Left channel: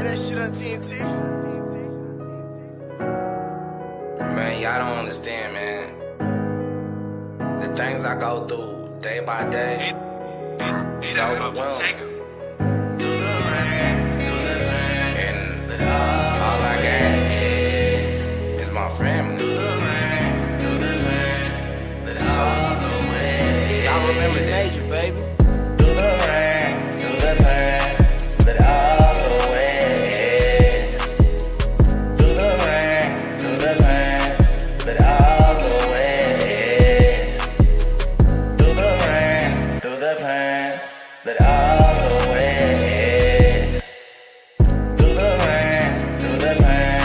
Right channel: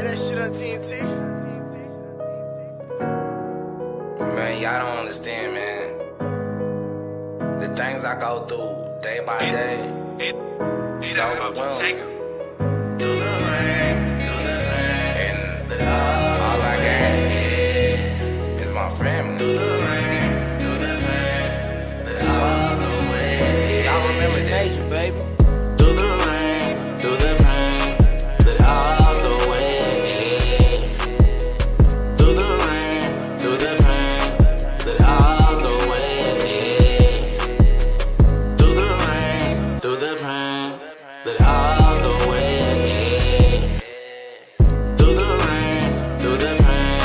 Play that shit on TNT. Man, y'all don't understand, man. The things I go through day by day, it's overwhelming. And all I got is my family. So, y'all remember that? Major, baby. Through the rain, through the pain, let it all go away. Through the rain, through the pain, let it all go away. Through the rain, through the pain, let it all go away. Through the rain, through the pain,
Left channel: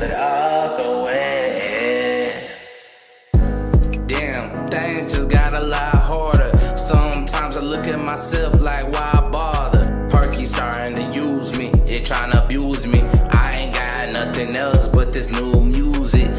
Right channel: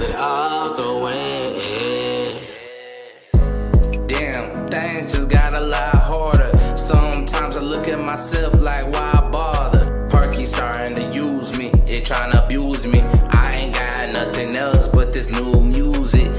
let it all go away. Damn, things just got a lot harder. Sometimes I look at myself like, why bother? Perky starting to use me, it trying to abuse me. I ain't got nothing else but this new music.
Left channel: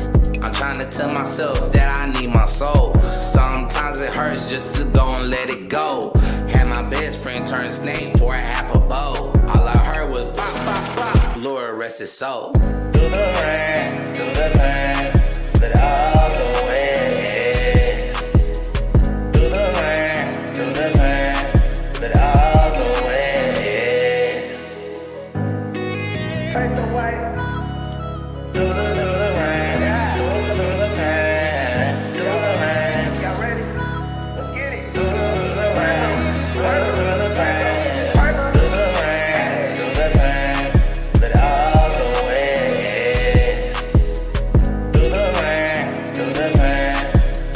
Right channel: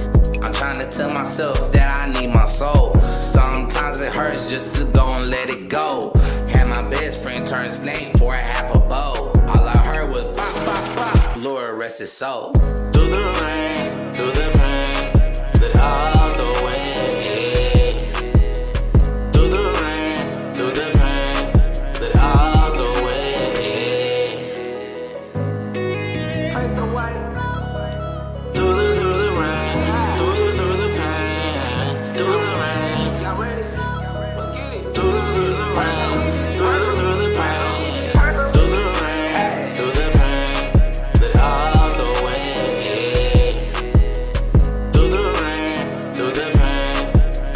I'm trying to tell myself that I need my soul. Sometimes it hurts just to go and let it go. Had my best friend turn snake for a half a bowl. All I heard was bop, bop, bop. Lord rest his soul. Through the rain, through the pain, let it all go away. Through the rain, through the pain, let it all go away. Peso white. Through the rain, through the pain, through the rain. Y'all ready? Let's get it. Through the rain, through the pain, through the rain, through the pain, let it all go away. Through the rain, through the pain,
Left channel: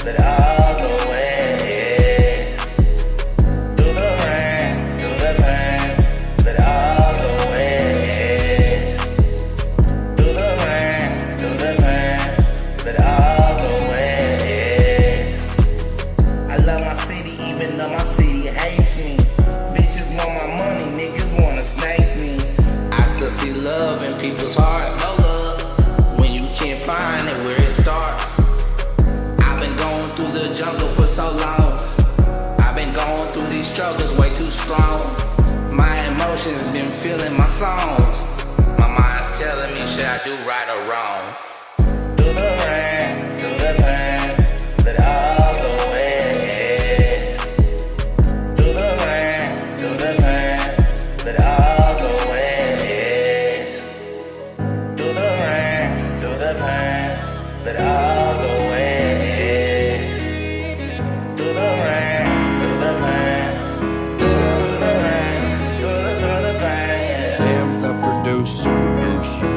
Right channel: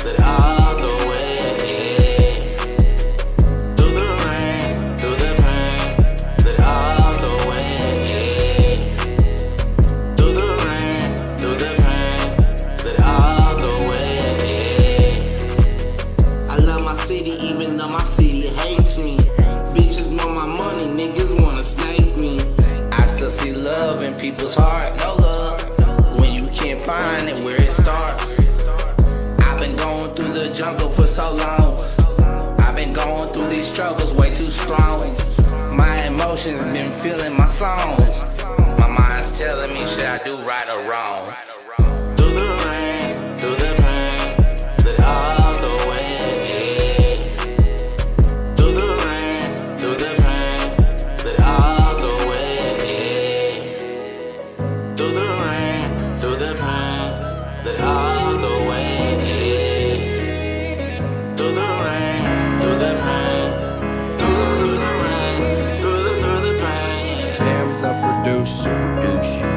let it all go away. Through the rain, through the pain, let it all go away. Through the rain, through the pain, let it all go away. I love my city even though my city hates me. Bitches want my money, niggas wanna snake me. I still see love in people's heart, no love when you can't find it where it starts. I've been going through the jungle for so long. I've been going through these struggles way too strong. My emotions been feeling my songs. My mind's telling me should I do right or wrong. Through the rain, through the pain, let it all go away. Through the rain, through the pain, let it all go away. Through the rain, through the pain, let it all go away. Through the rain, through the pain, through the rain, through the pain. Damn the producer. Producer.